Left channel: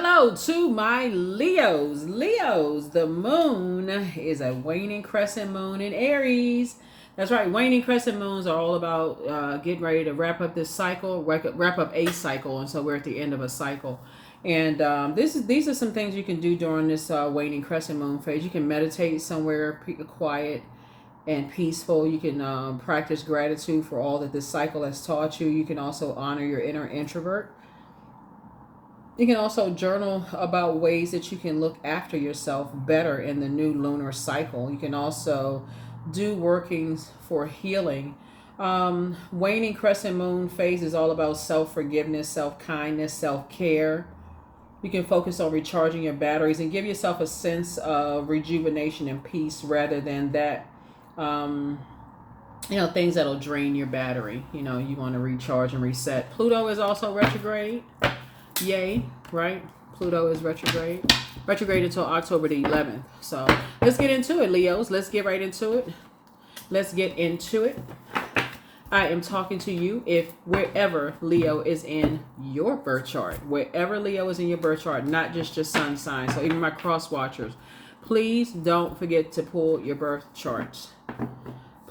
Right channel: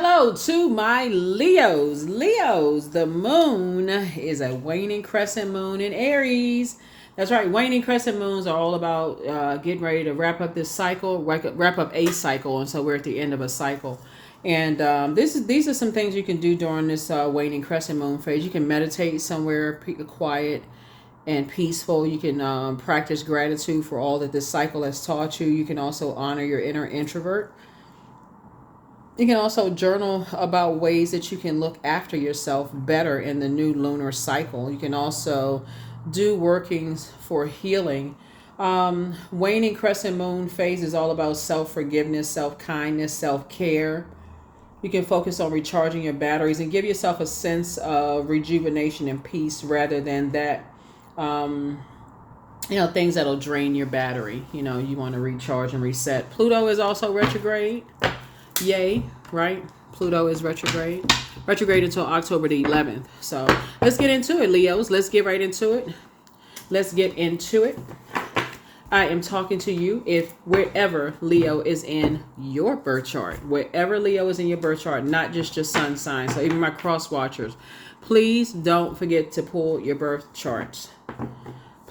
Hello to my Leos. Leos, the moon is a waning crescent moon in Aries. That's right. Waning crescent moons are all about getting ready to wrap up this cycle, wrap up a cycle, and so we're at the end of a cycle. And these are some things you can do during this waning crescent moon phase. You can meditate somewhere quiet and peaceful. You can practice gratitude for all that this cycle has taught you. You can also honor your inner introvert. You can also journal about ways that you can look after yourself better in the new lunar cycle. You can also do workings for healing. Waning crescent moon phase is all about self-forgiveness, self-kindness, self-care. You can focus on recharging your batteries and give yourself a sense of rejuvenation and peace rather than that, things that'll drain your battery. You want to recharge and reset. Pluto is also retrograde. Yay, right? Pluto is retrograde until October the 11th. So let's get into it, Leos. Let's get right into it. I am talking to you if wherever Leo is in your birth chart, not just your sun sign. So even my cross watchers, please don't forget to pull your birth charts.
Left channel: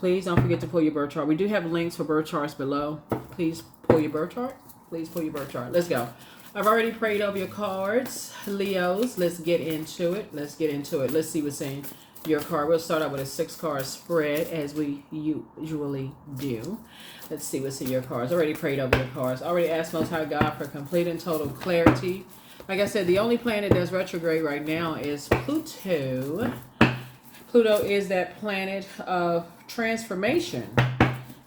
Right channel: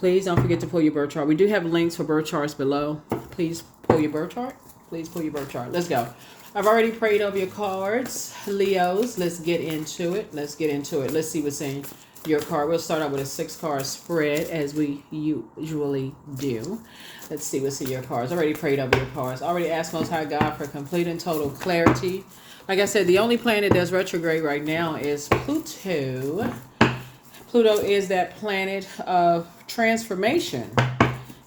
We do have links for birth charts below. Please pull your birth chart. Let's go. I've already prayed over your cards, Leos. Let's get into it. Let's see what's in your card. We'll start out with a 6-card spread as we usually do. Let's see what's in your cards. Already prayed over your cards. Already asked Most High God for complete and total clarity. Like I said, the only planet that's retrograde right now is Pluto. Pluto is that planet of transformation,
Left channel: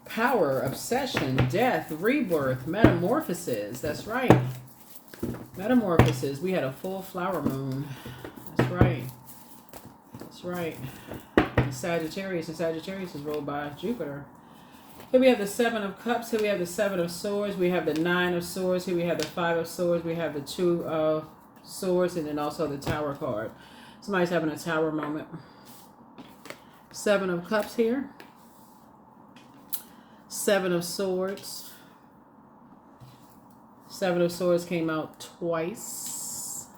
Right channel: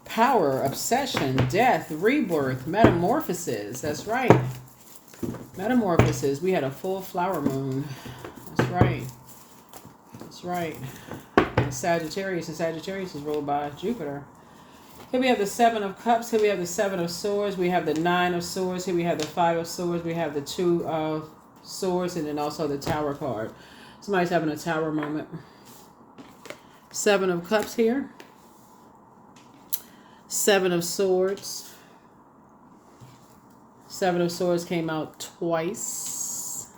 power, obsession, death, rebirth, metamorphosis. That's right. Metamorphosis. We had a full flower moon. That's right. And Sagittarius is ruled by Jupiter. Here we have the 7 of Cups. Here we have the 7 of Swords. We have the 9 of Swords. Here we have the 5 of Swords. We have the 2 of Swords, and then also the Tower card. Somebody's having a Tower moment. 7 of Cups here. 7 of Swords. 7 of Swords came out twice.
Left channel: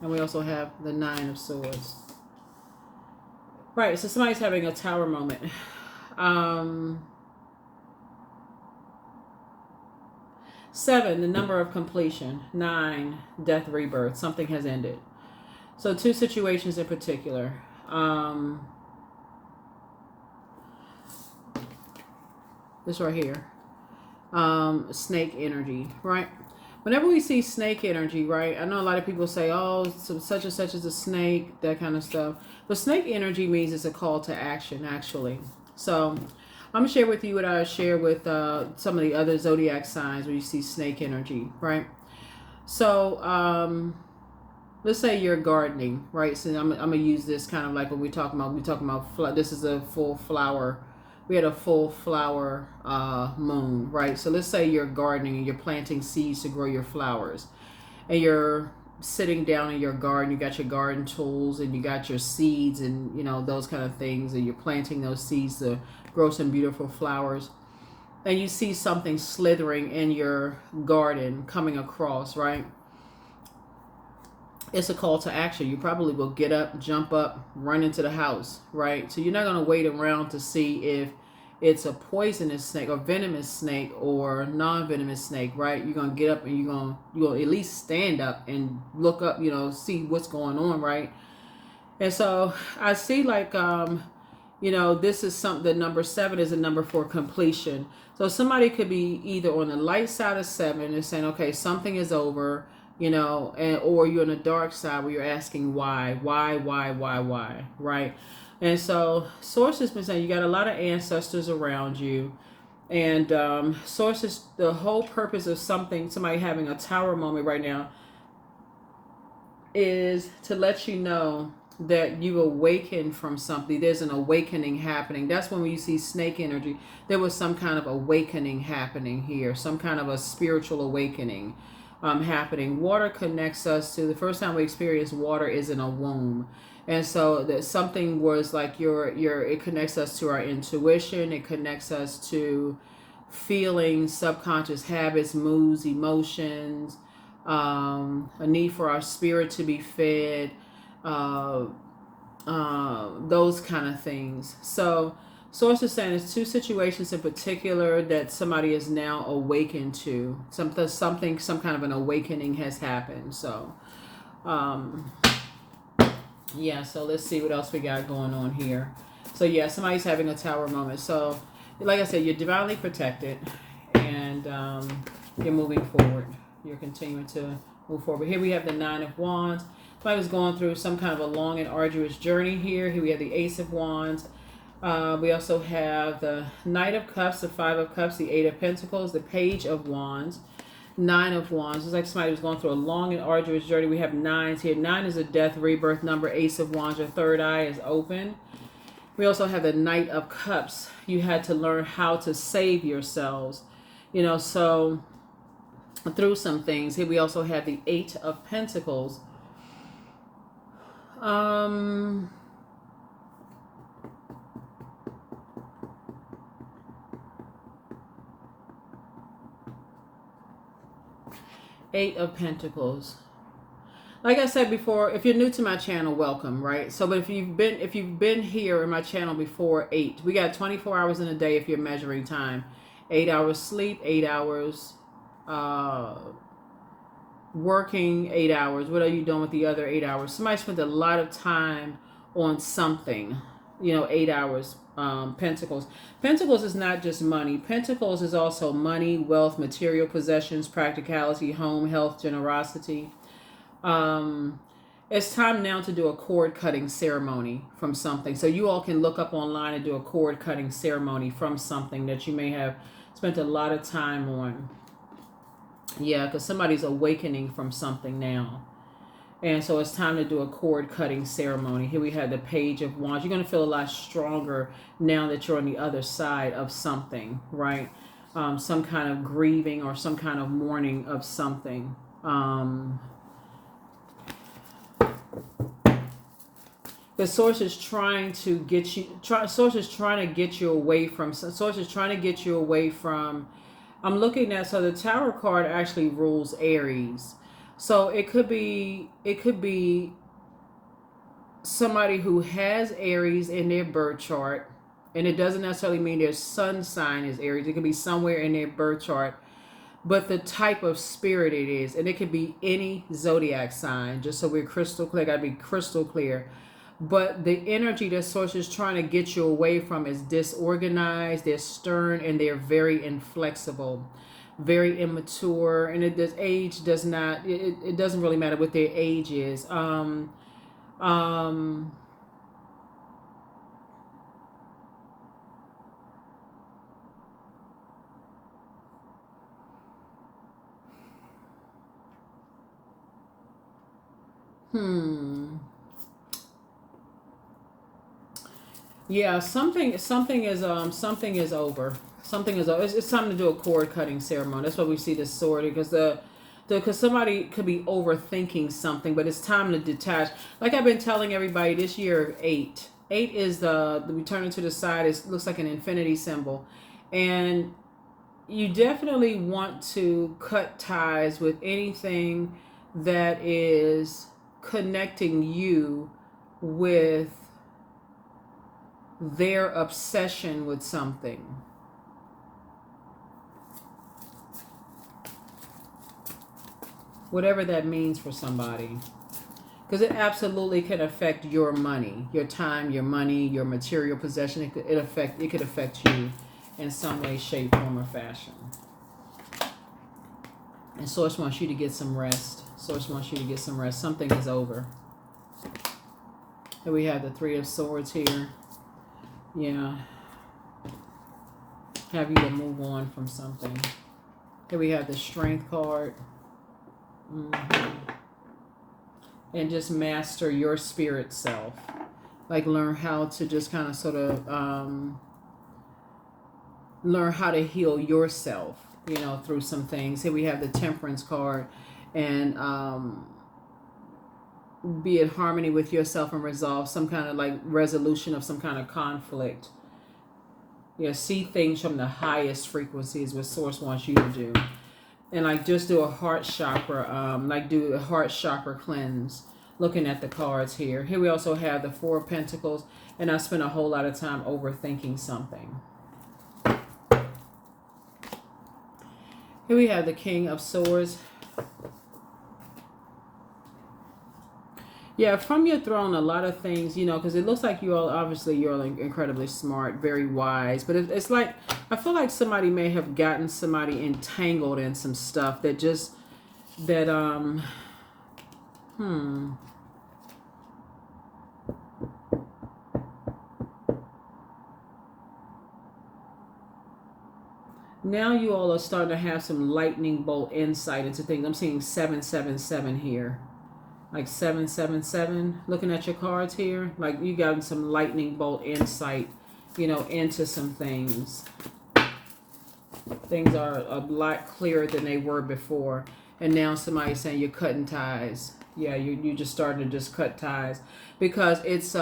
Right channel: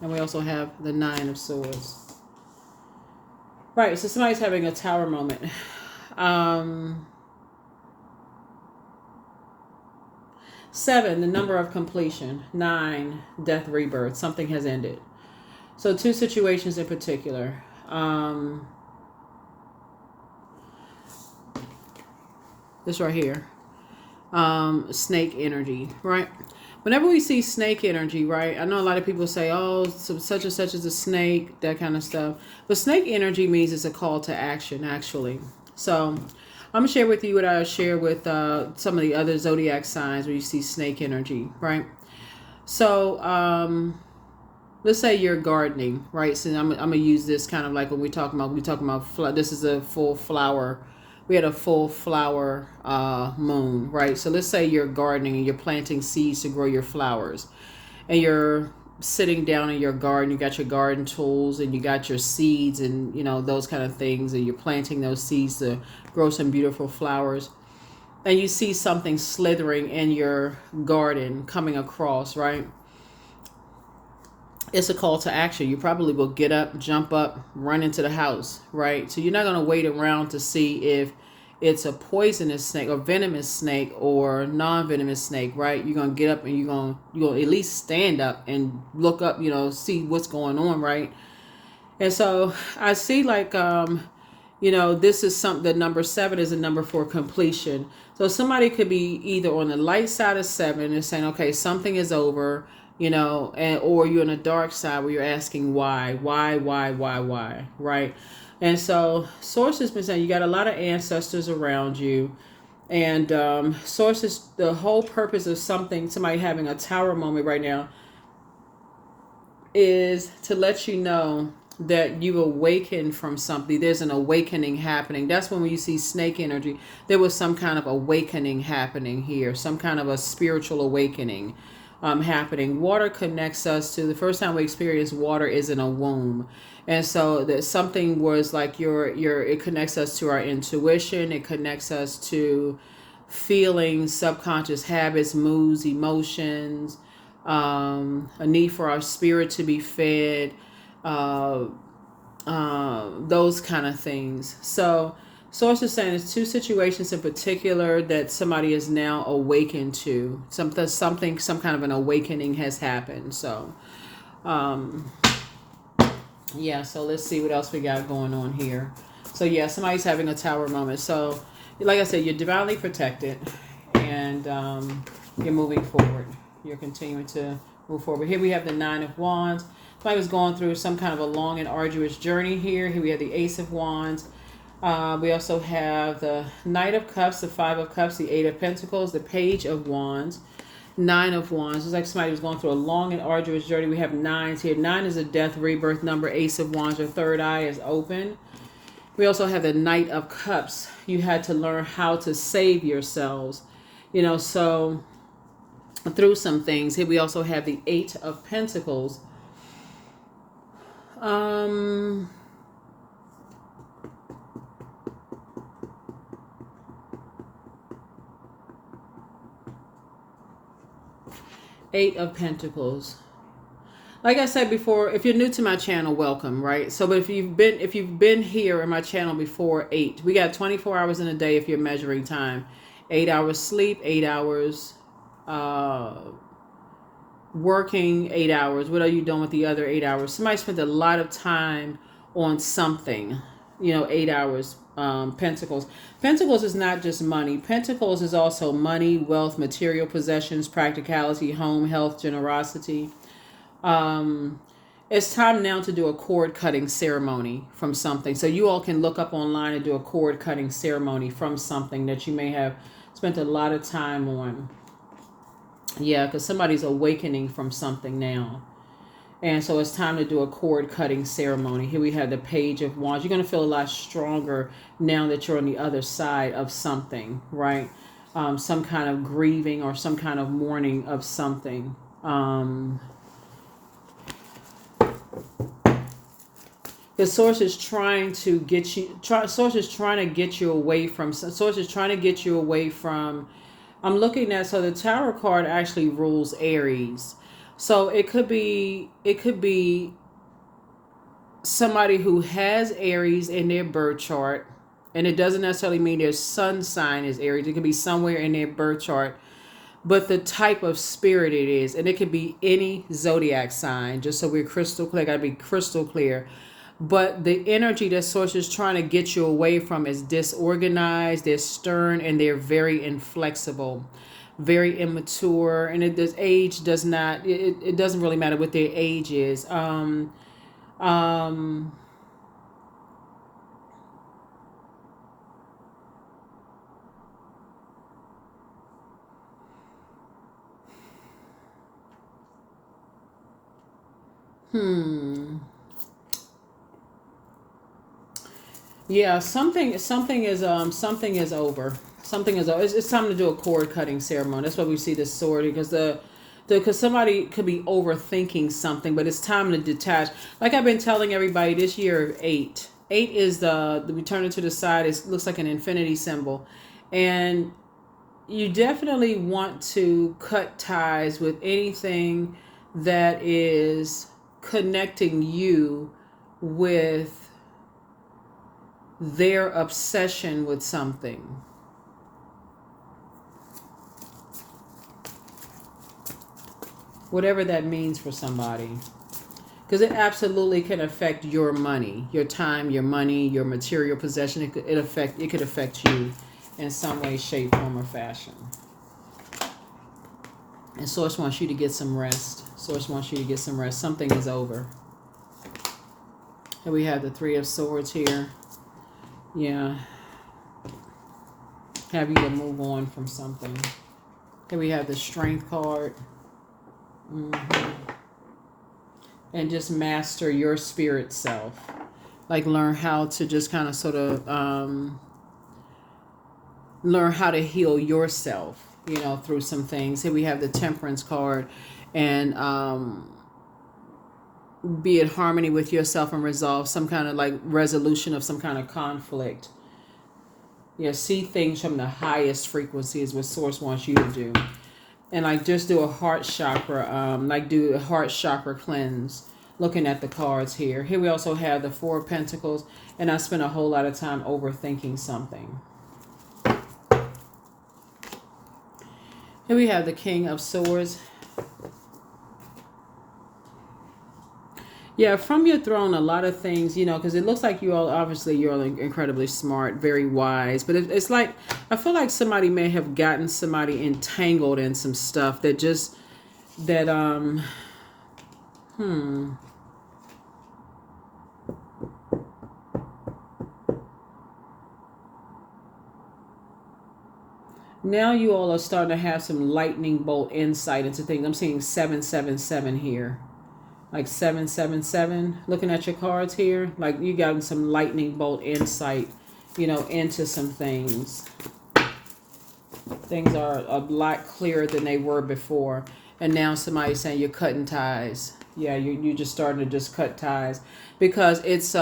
And we also have the 9 of Swords. Right, so somebody's having a Tower moment. 7, the number of completion. 9, death, rebirth. Something has ended. So 2 situations in particular. This right here. Snake energy, right? Whenever we see snake energy, right, I know a lot of people say, oh, so such and such is a snake, that kind of stuff. But snake energy means it's a call to action, actually. So I'm going to share with you what I share with some of the other zodiac signs where you see snake energy, right? So let's say you're gardening, right? So I'm going to use this kind of like when we're talking about this is a full flower. We had a full flower moon, right? So let's say you're gardening and you're planting seeds to grow your flowers. And you're sitting down in your garden. You got your garden tools and you got your seeds and, those kind of things. And you're planting those seeds to grow some beautiful flowers. And you see something slithering in your garden coming across, right? It's a call to action. You probably will get up, jump up, run into the house, right? So you're not going to wait around to see if it's a poisonous snake or venomous snake or non-venomous snake, right? You're going to get up and you're going to at least stand up and look up, see what's going on, right? And so I see like, this is something, the number 7 is a number for completion. So somebody could be either on the light side of 7 and saying, okay, something is over, or you're on the dark side where you're asking why, right? And so Source has been saying you got a lot of ancestors around you, and Source is the whole purpose of somebody having a Tower moment right now is to let you know that you awaken from something. There's an awakening happening. That's when you see snake energy. There was some kind of awakening happening here, some kind of a spiritual awakening happening. Water connects us to the first time we experience water is in a womb. And so that something was like it connects us to our intuition. It connects us to feelings, subconscious habits, moods, emotions, a need for our spirit to be fed, those kind of things. So Source is saying there's two situations in particular that somebody is now awakened to. Some kind of an awakening has happened. So, yeah, so let's see what else we got going on here. So, yeah, somebody's having a tower moment. So, like I said, you're divinely protected, and you're moving forward. You're continuing to move forward. Here we have the Nine of Wands. Somebody was going through some kind of a long and arduous journey here. Here we have the Ace of Wands. We also have the Knight of Cups, the Five of Cups, the Eight of Pentacles, the Page of Wands, Nine of Wands. It's like somebody was going through a long and arduous journey. We have nines here. 9 is a death, rebirth number. Ace of Wands, your third eye is open. We also have the Knight of Cups. You had to learn how to save yourselves, so through some things. Here we also have the Eight of Pentacles. Eight of Pentacles. Like I said before, if you're new to my channel, welcome, right? So, but if you've been here in my channel before, 8. We got 24 hours in a day if you're measuring time. 8 hours sleep, 8 hours working, 8 hours. What are you doing with the other 8 hours? Somebody spent a lot of time on something, 8 hours. Pentacles. Pentacles is not just money. Pentacles is also money, wealth, material possessions, practicality, home, health, generosity. It's time now to do a cord cutting ceremony from something. So you all can look up online and do a cord cutting ceremony from something that you may have spent a lot of time on. Yeah, because somebody's awakening from something now. And so it's time to do a cord cutting ceremony. Here we have the Page of Wands. You're going to feel a lot stronger now that you're on the other side of something, right? Some kind of grieving or some kind of mourning of something. The source is trying to get you. Source is trying to get you away from. Source is trying to get you away from. I'm looking at. So the Tower card actually rules Aries. So it could be somebody who has Aries in their birth chart, and it doesn't necessarily mean their sun sign is Aries. It could be somewhere in their birth chart, but the type of spirit it is, and it could be any zodiac sign. Just so we're crystal clear, gotta be crystal clear. But the energy that Source is trying to get you away from is disorganized, they're stern, and they're very inflexible, very immature. And this age does not, it doesn't really matter what their age is. Yeah, something is over. Something is over. It's time to do a cord cutting ceremony. That's why we see this sword, because somebody could be overthinking something, but it's time to detach. Like I've been telling everybody this year, 8. 8 is we turn it to the side. It looks like an infinity symbol, and you definitely want to cut ties with anything that is connecting you with their obsession with something. Whatever that means for somebody. Because it absolutely can affect your money, your time, your money, your material possession. It could affect you in some way, shape, form, or fashion. And Source wants you to get some rest. Source wants you to get some rest. Something is over. Here we have the Three of Swords here. Yeah. Have you to move on from something. Here we have the Strength card. And just master your spirit self. Like learn how to just kind of sort of learn how to heal yourself, through some things. Here we have the Temperance card. And be in harmony with yourself and resolve some kind of like resolution of some kind of conflict. Yeah, see things from the highest frequency is what Source wants you to do. and like just do a heart chakra, like do a heart chakra cleanse. Looking at the cards here. Here we also have the Four of Pentacles, and I spent a whole lot of time overthinking something. Here we have the King of Swords. Yeah, from your throne, a lot of things, you know, because it looks like you all, obviously, you're all incredibly smart, very wise. But it's like, I feel like somebody may have gotten somebody entangled in some stuff that just, that, Now you all are starting to have some lightning bolt insight into things. I'm seeing 777 here. Like 777, looking at your cards here, like you got some lightning bolt insight, you know, into some things. Things are a lot clearer than they were before. And now somebody's saying you're cutting ties. Yeah, you just starting to just cut ties because it's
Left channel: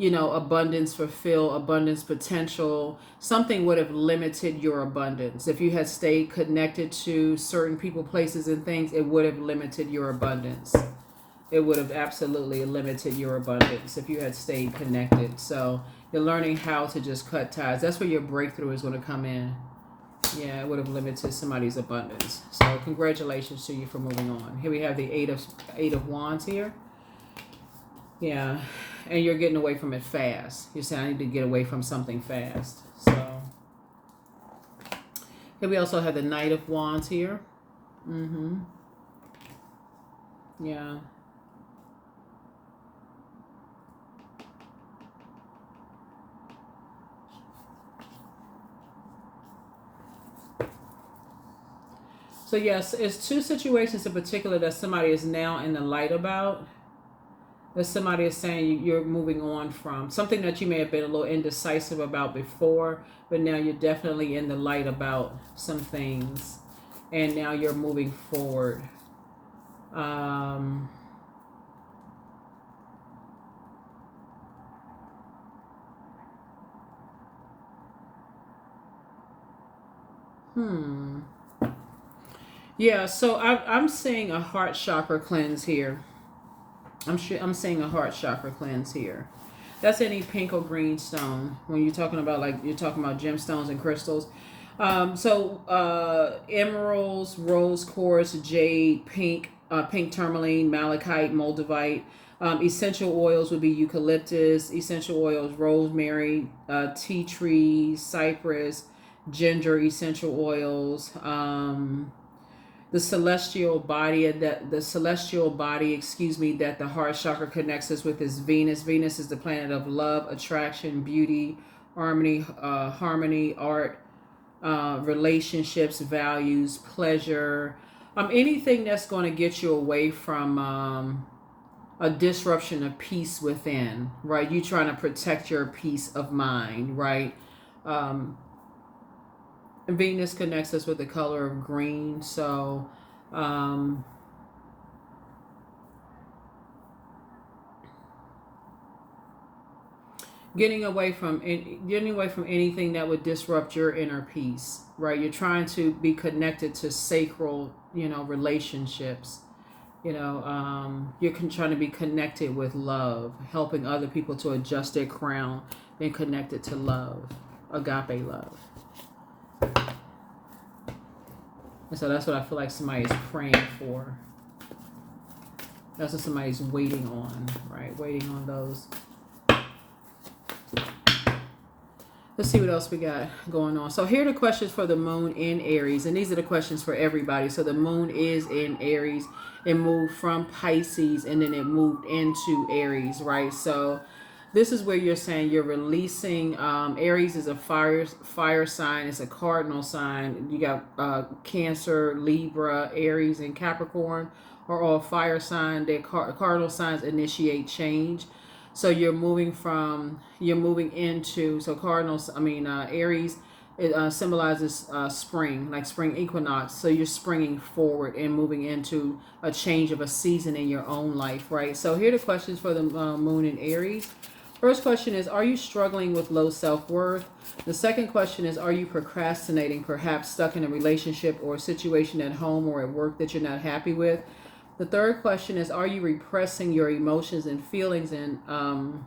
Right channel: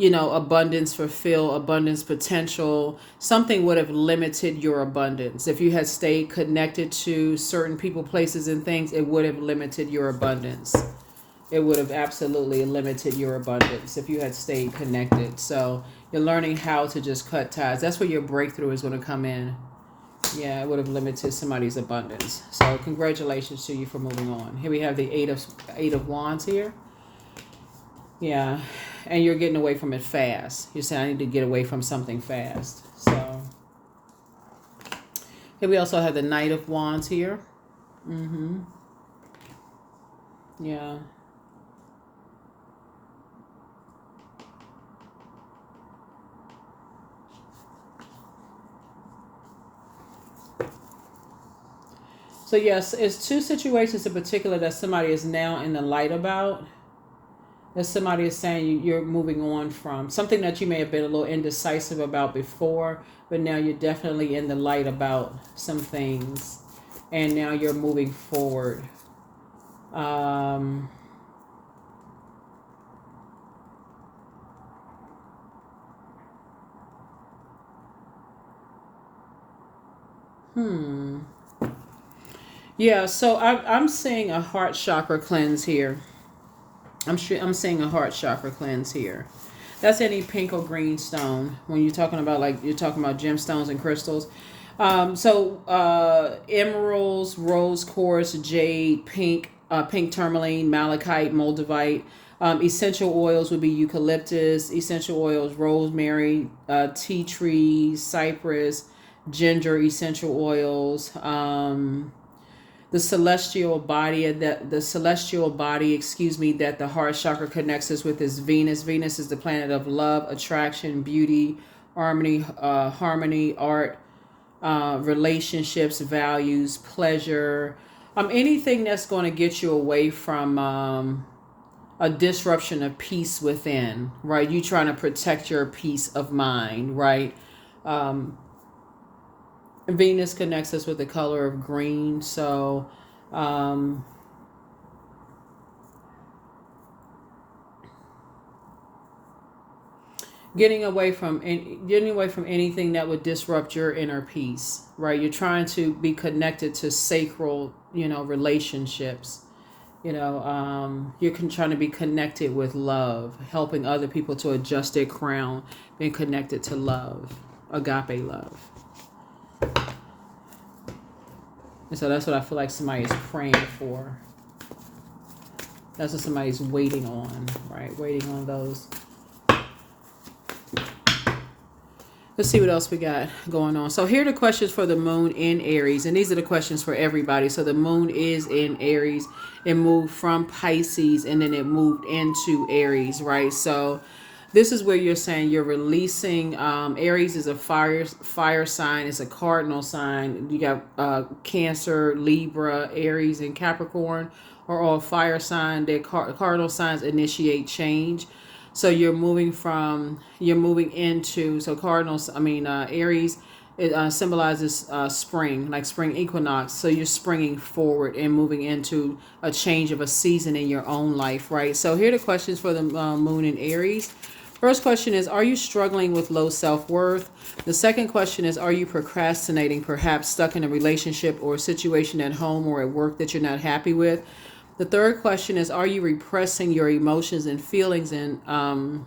you know, abundance fulfill, abundance potential. Something would have limited your abundance. If you had stayed connected to certain people, places, and things, it would have limited your abundance. It would have absolutely limited your abundance if you had stayed connected. So you're learning how to just cut ties. That's where your breakthrough is going to come in. Yeah, it would have limited somebody's abundance. So congratulations to you for moving on. Here we have the Eight of Wands here. Yeah, and you're getting away from it fast. You're saying, I need to get away from something fast. So, here we also have the Knight of Wands here. Yeah. So, yes, it's two situations in particular that somebody is now in the light about. That somebody is saying you're moving on from something that you may have been a little indecisive about before, but now you're definitely in the light about some things, and now you're moving forward. Yeah, so I'm seeing a heart chakra cleanse here. I'm seeing a heart chakra cleanse here. That's any pink or green stone. When you're talking about, like, you're talking about gemstones and crystals. Emeralds, rose quartz, jade, pink tourmaline, malachite, moldavite. Essential oils would be eucalyptus. Essential oils, rosemary, tea tree, cypress, ginger. Essential oils. The celestial body that the heart chakra connects us with is Venus. Venus is the planet of love, attraction, beauty, harmony, art, relationships, values, pleasure. Anything that's going to get you away from a disruption of peace within, right? You trying to protect your peace of mind, right? Venus connects us with the color of green, so getting away from anything that would disrupt your inner peace, right? You're trying to be connected to sacral, relationships. You're trying to be connected with love, helping other people to adjust their crown, being connected to love, agape love. And so that's what I feel like somebody is praying for. That's what somebody's waiting on, right? Waiting on those. Let's see what else we got going on. So here are the questions for the moon in Aries. And these are the questions for everybody. So the moon is in Aries. It moved from Pisces and then it moved into Aries, right? So this is where you're saying you're releasing. Aries is a fire sign. It's a cardinal sign. You got Cancer, Libra, Aries, and Capricorn are all fire sign. Their cardinal signs initiate change. So you're moving into, so cardinals, Aries, it symbolizes spring, like spring equinox. So you're springing forward and moving into a change of a season in your own life, right? So here are the questions for the moon in Aries. First question is, are you struggling with low self-worth? The second question is, are you procrastinating, perhaps stuck in a relationship or a situation at home or at work that you're not happy with? The third question is, are you repressing your emotions and feelings and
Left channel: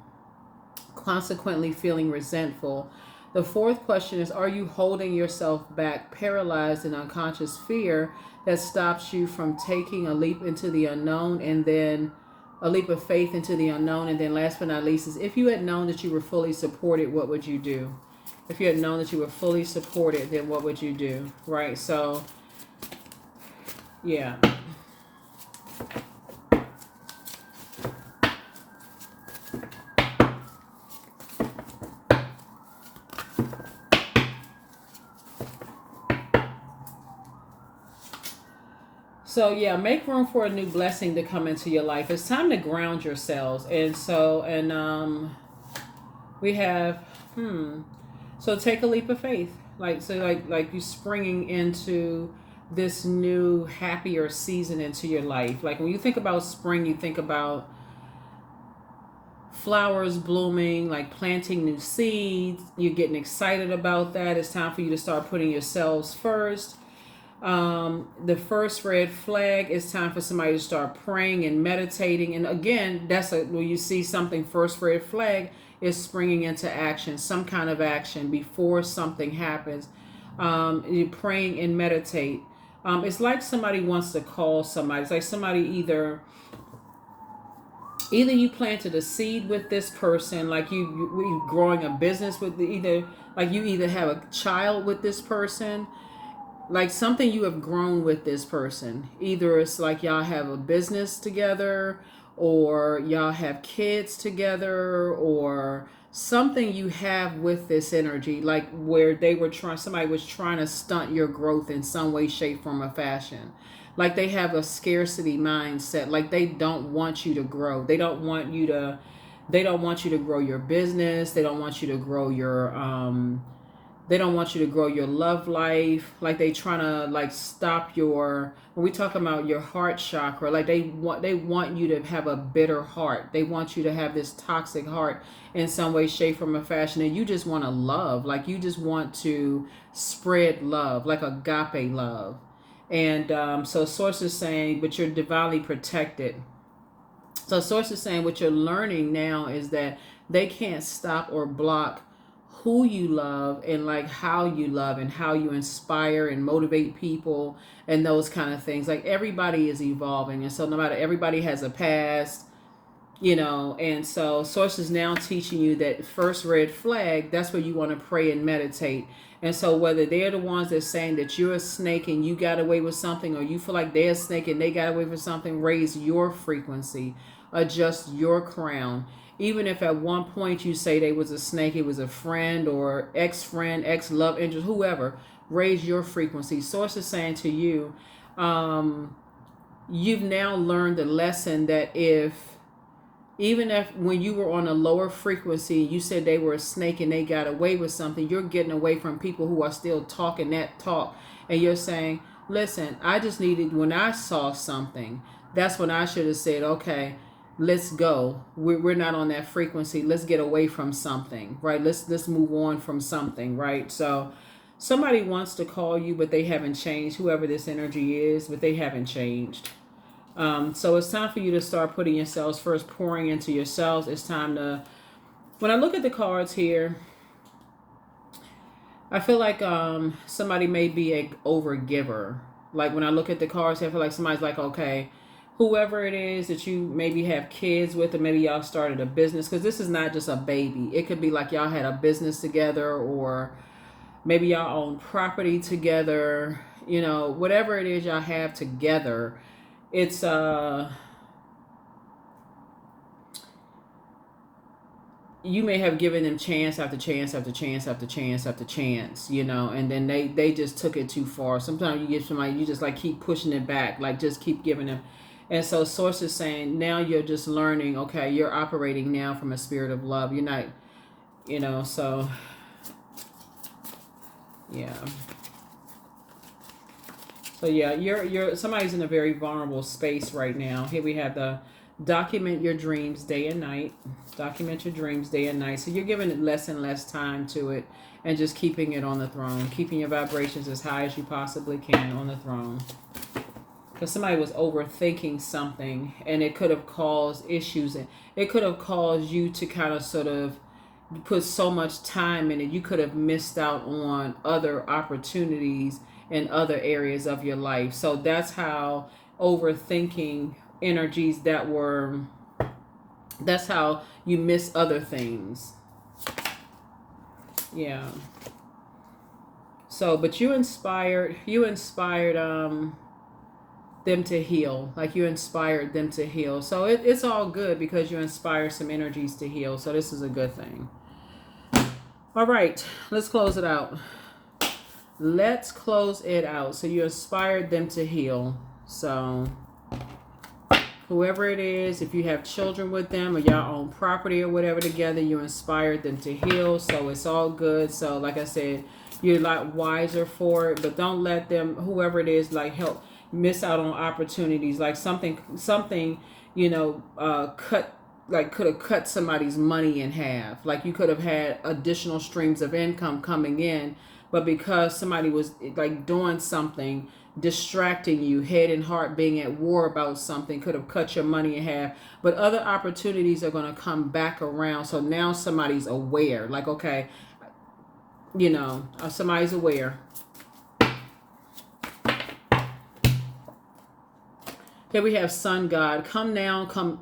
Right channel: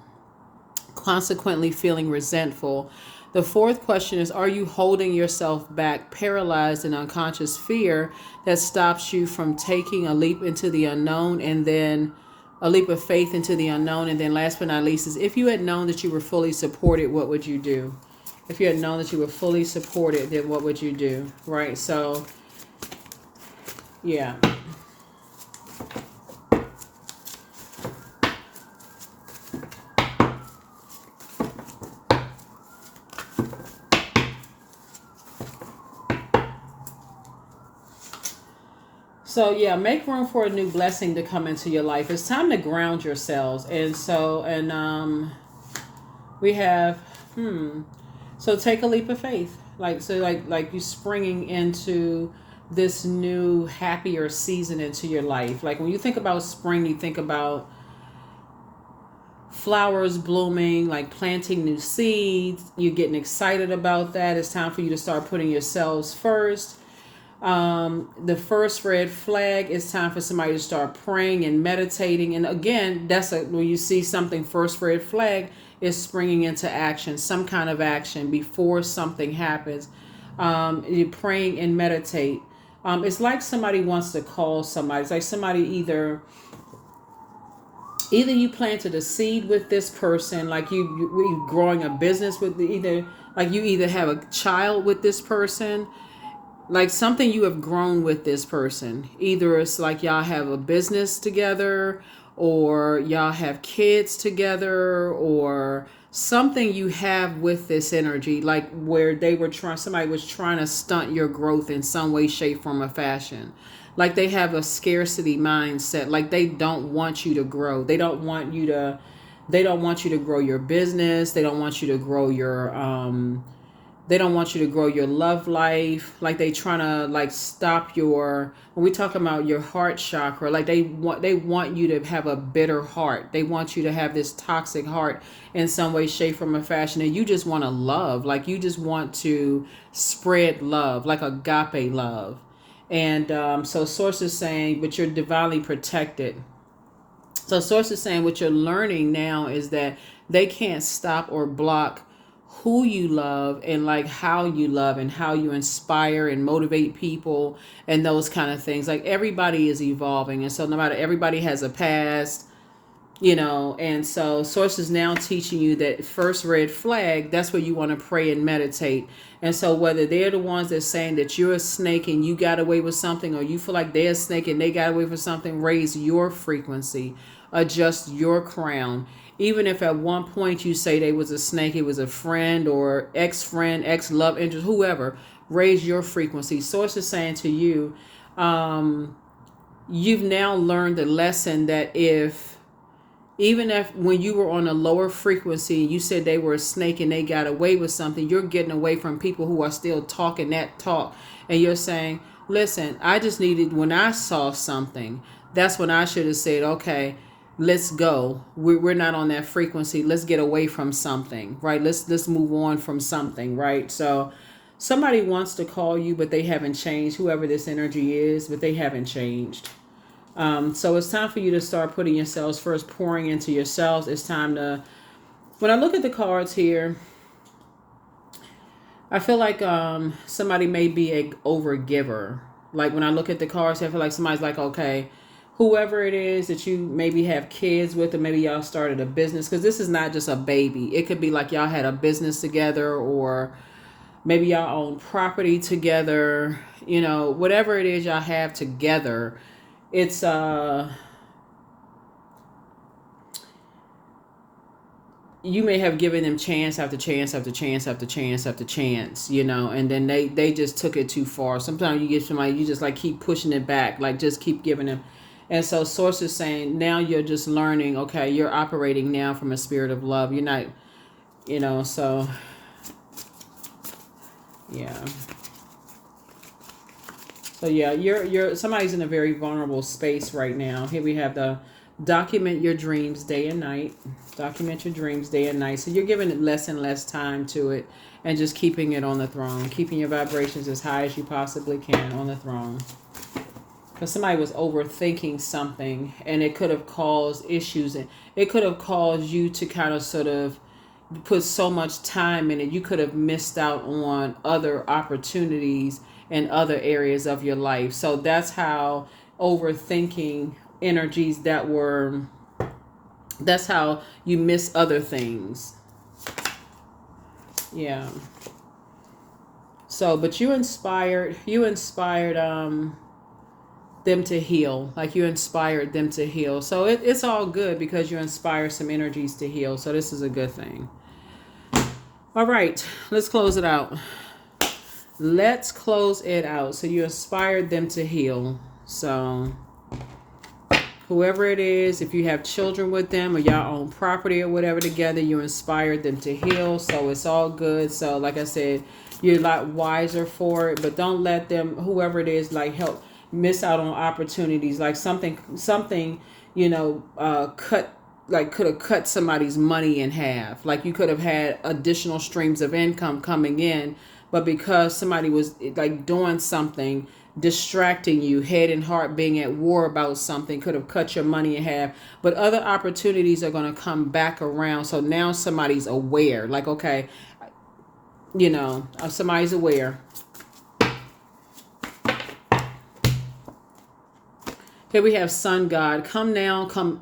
consequently feeling resentful? The fourth question is, are you holding yourself back, paralyzed in unconscious fear that stops you from taking a leap into the unknown, and then a leap of faith into the unknown? And then last but not least is, if you had known that you were fully supported, what would you do? If you had known that you were fully supported, then what would you do? Right? So, yeah. So yeah, make room for a new blessing to come into your life. It's time to ground yourselves. And so, and we have, so take a leap of faith. Like you springing into this new happier season into your life. Like when you think about spring, you think about flowers blooming, like planting new seeds. You're getting excited about that. It's time for you to start putting yourselves first. The first red flag is time for somebody to start praying and meditating. And again, when you see something, first red flag is springing into action, some kind of action before something happens. You're praying and meditate. It's like somebody wants to call somebody. It's like somebody either you planted a seed with this person, like you growing a business with you either have a child with this person, like something you have grown with this person. Either it's like y'all have a business together, or y'all have kids together, or something you have with this energy, like where somebody was trying to stunt your growth in some way, shape, form, or fashion. Like they have a scarcity mindset. Like they don't want you to grow. They don't want you to grow your business. They don't want you to grow your they don't want you to grow your love life. Like they trying to like stop when we talk about your heart chakra, like they want you to have a bitter heart. They want you to have this toxic heart in some way, shape, form, or fashion. And you just want to love. Like you just want to spread love, like agape love. And so Source is saying, but you're divinely protected. So Source is saying what you're learning now is that they can't stop or block who you love, and like how you love and how you inspire and motivate people and those kind of things. Like everybody is evolving, and so no matter, everybody has a past, and so Source is now teaching you that first red flag, that's where you want to pray and meditate. And so whether they're the ones that's saying that you're a snake and you got away with something, or you feel like they're a snake and they got away with something, raise your frequency, adjust your crown. Even if at one point you say they was a snake, it was a friend or ex-friend, ex-love interest, whoever, raise your frequency. Source is saying to you, you've now learned the lesson that even if when you were on a lower frequency, you said they were a snake and they got away with something, you're getting away from people who are still talking that talk. And you're saying, listen, I just needed, when I saw something, that's when I should have said, okay, let's go. We're not on that frequency. Let's get away from something, right? Let's move on from something, right? So somebody wants to call you, but they haven't changed, whoever this energy is, but they haven't changed. So it's time for you to start putting yourselves first, pouring into yourselves. It's time to, when I look at the cards here, I feel like somebody may be a overgiver. Like when I look at the cards, I feel like somebody's like, okay, whoever it is that you maybe have kids with, or maybe y'all started a business, because this is not just a baby. It could be like y'all had a business together, or maybe y'all own property together, whatever it is y'all have together. It's you may have given them chance after chance after chance after chance after chance, and then they just took it too far. Sometimes you give somebody, you just like keep pushing it back, like just keep giving them. And so Source is saying now you're just learning, okay, you're operating now from a spirit of love. You're not, so yeah. So yeah, you're somebody's in a very vulnerable space right now. Here we have the Document your dreams day and night. Document your dreams day and night. So you're giving it less and less time to it and just keeping it on the throne. Keeping your vibrations as high as you possibly can on the throne. Because somebody was overthinking something and it could have caused issues. And it could have caused you to kind of sort of put so much time in it. You could have missed out on other opportunities in other areas of your life. So that's how overthinking energies that's how you miss other things. Yeah. So, but you inspired them to heal. Like you inspired them to heal. So it's all good because you inspire some energies to heal. So this is a good thing. All right, let's close it out. Let's close it out. So you inspired them to heal. So whoever it is, if you have children with them or y'all own property or whatever together, you inspired them to heal. So it's all good. So like I said, you're a lot wiser for it, but don't let them, whoever it is, like help miss out on opportunities. Like something, could have cut somebody's money in half. Like you could have had additional streams of income coming in, but because somebody was like doing something, distracting you, head and heart being at war about something, could have cut your money in half. But other opportunities are going to come back around. So now somebody's aware. Like, okay, somebody's aware. Here we have Sun God. Come now, come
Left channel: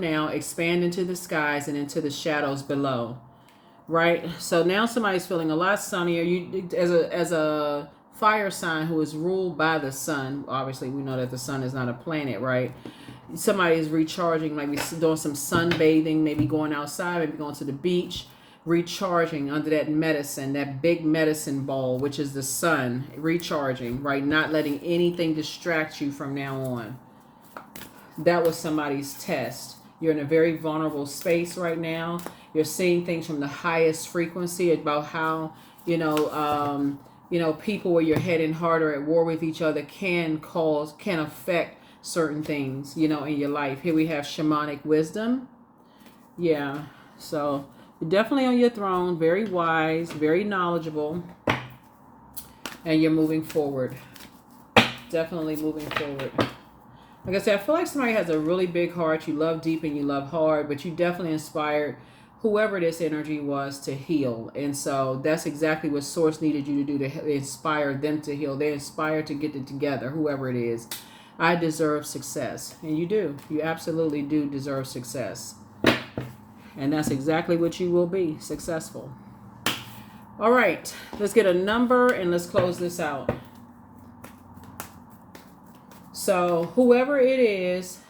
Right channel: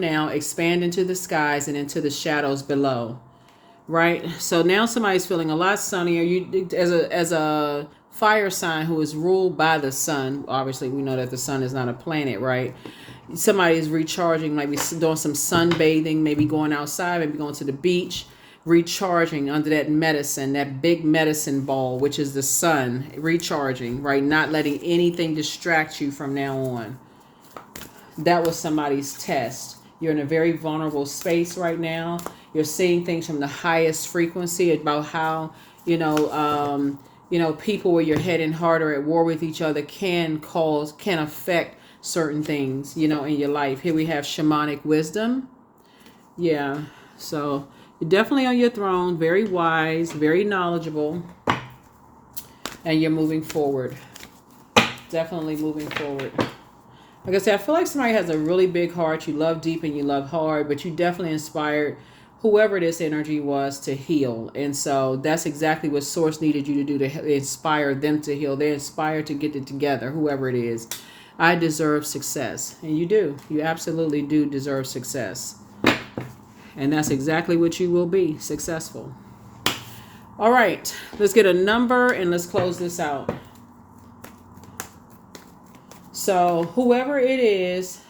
now, expand into the skies and into the shadows below. Right? So now somebody's feeling a lot sunnier. You as a fire sign who is ruled by the sun. Obviously, we know that the sun is not a planet, right? Somebody is recharging, maybe doing some sunbathing, maybe going outside, maybe going to the beach, recharging under that medicine, that big medicine ball, which is the sun, recharging, right? Not letting anything distract you from now on. That was somebody's test. You're in a very vulnerable space right now. You're seeing things from the highest frequency about how, people where your head and heart are at war with each other can affect certain things, in your life. Here we have shamanic wisdom. Yeah. So you're definitely on your throne, very wise, very knowledgeable, and you're moving forward. Definitely moving forward. Like I said, I feel like somebody has a really big heart. You love deep and you love hard, but you definitely inspired whoever this energy was to heal. And so that's exactly what Source needed you to do, to inspire them to heal. They're inspired to get it together, whoever it is. I deserve success. And you do. You absolutely do deserve success. And that's exactly what you will be, successful. All right, let's get a number and let's close this out. So whoever it is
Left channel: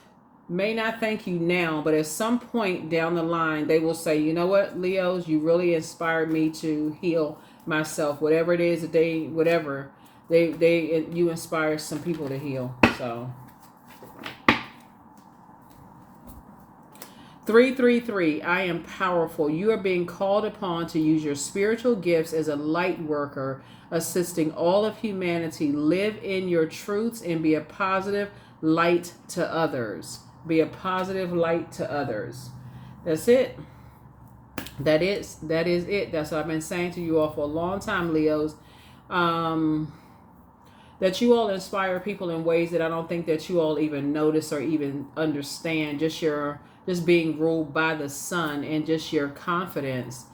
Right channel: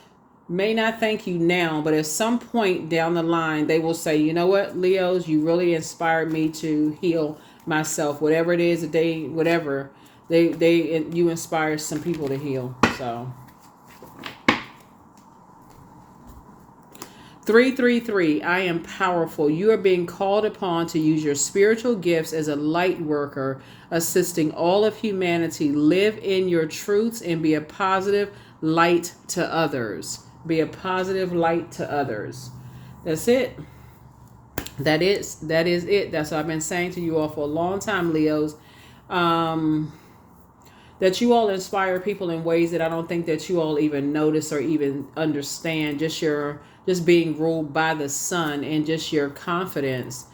may not thank you now, but at some point down the line, they will say, you know what, Leos, you really inspired me to heal myself. Whatever it is that you inspire some people to heal. So 333, I am powerful. You are being called upon to use your spiritual gifts as a light worker, assisting all of humanity. Live in your truths and be a positive light to others. Be a positive light to others. That's it. That is it. That's what I've been saying to you all for a long time, Leos. That you all inspire people in ways that I don't think that you all even notice or even understand. Just being ruled by the sun and just your confidence.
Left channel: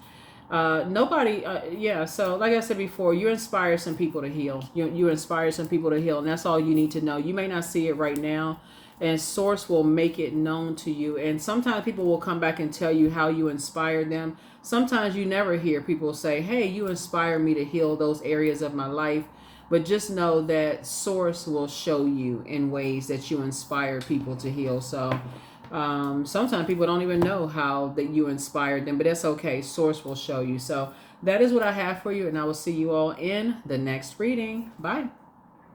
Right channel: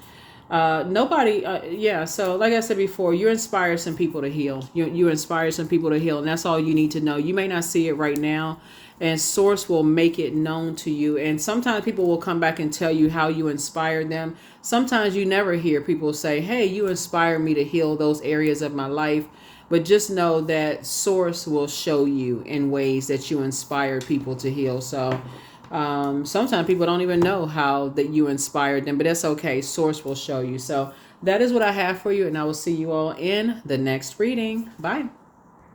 So like I said before, you inspire some people to heal. You inspire some people to heal, and that's all you need to know. You may not see it right now, and Source will make it known to you. And sometimes people will come back and tell you how you inspired them. Sometimes you never hear people say, hey, you inspired me to heal those areas of my life. But just know that Source will show you in ways that you inspire people to heal. So sometimes people don't even know how that you inspired them, but that's okay. Source will show you. So that is what I have for you, and I will see you all in the next reading. Bye.